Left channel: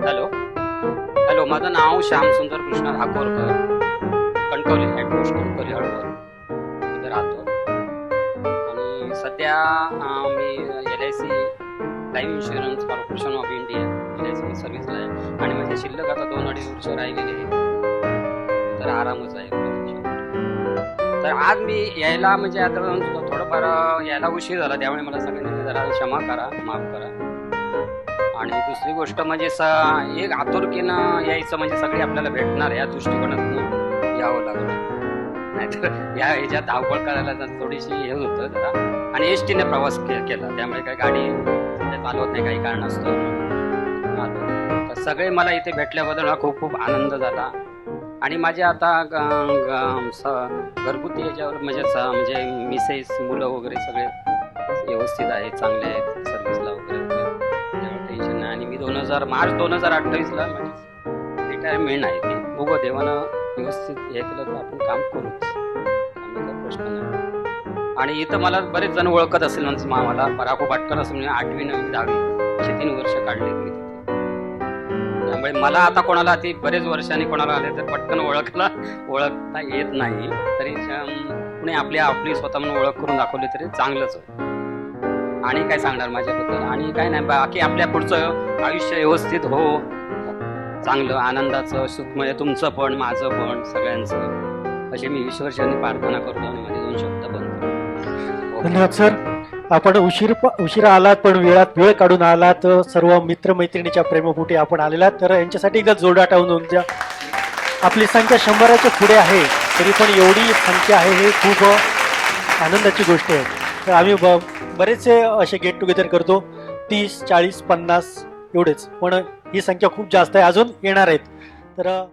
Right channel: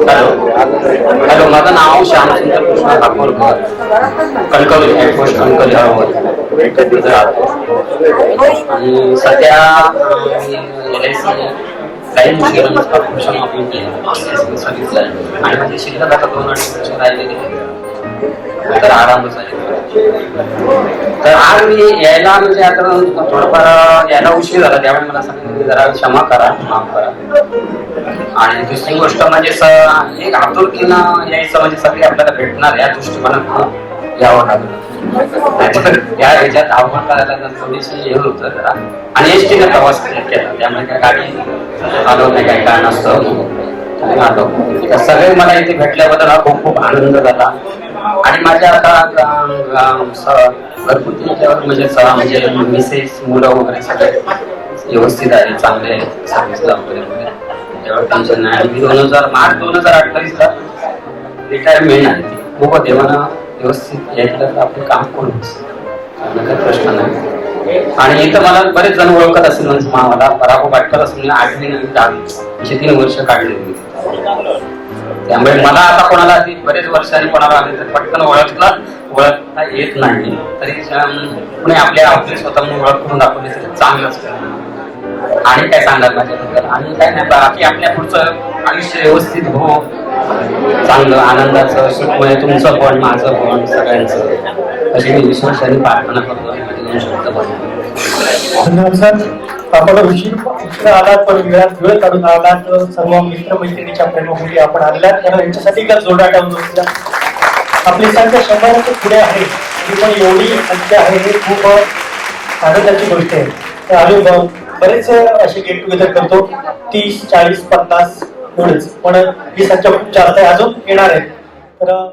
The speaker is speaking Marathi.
हॅलो. हॅलो माझं नाव श्यामसुंदर कृष्ण काकोडकर कणकवली हेडपोस्ट कणकवली आणि सध्या काही आणि शिल्लक आता दोन अडीच तर आराम तर आज मी यायला म्हणजे आता थोडंफार यायला उशीर झाला त्यामुळे मला सांगितलं की जरा क्षमा करा माफ करा. आणि दुसरी गोष्ट म्हणजे स- एक आतुरतेनं यायचं म्हणजे सगळे आपल्याला भेटणार या दृष्टिकोनातून. यावं लागलं या ह्याच्यात आवड करायला थोडीशी हे होत जरा. आणि एस टीने प्रवास केला. त्यामुळे काय गाडी आलो नाही काही काय नसतं सगळे मला इथे भेटल्याबद्दल हा खूप खूप आनंद झाला. आणि माझ्या आता घरगुती याच्यावर म्हणजे म्हणजे मिसेस मुलं वगैरे सगळे व्यवस्थित आहे चांगले आहेत वगैरे त्याच्यावर टेन्शन नाही आणि दोन हजार मार्च दोन हजार अठ्ठावीसला रिटायरमेंट आहे ती खूप देवानं व्यवस्थित यायचं तर आपले काम करून काही प्रश्न नाही आणि इथं मला बरेच जण ओळखत असेल म्हणजे मला बराको वाटत असेल आठवी आणि दहावी अशी तीन वर्ष काढली मी त्यामुळे मला आता कोणाला आधी बरेच वर्षांनी कोणाला आधी पटकन ओळखला ओळखता येत नाही. तरी पुणे आपल्या आपली स्वतः ओळख करून दाखवली तर चांगलंच आणि काय सांगाल? आणि काय नाही बाकी आपल्या पुढचं आयुष्य व्यवस्थित हो. चांगलं आनंदाचं सुखमय तुमचं पण माझं पण सगळ्यांचं. अशी मी विश्वासाने प्रार्थना करतो आणि धन्यवाद सर. आपण उशीर उशिरा आलात पण वेळात वेळ काढून आलात सर्व मित्र मैत्रिणीच्या प्रेमापोटी आपण आलात तर यांच्यासाठी का जोरदार टाकून आपली संख्या शंभराच्या पुढे आहे तरी पण एवढी संख्या आहे हे खूप आनंदाची गोष्ट आहे. आम्ही बरेच असे गेट टुगेदर करतो. तीस चाळीस पन्नास एवढंच. पण ही संख्या खूप जास्त आहे. अजून येणार आहे. तर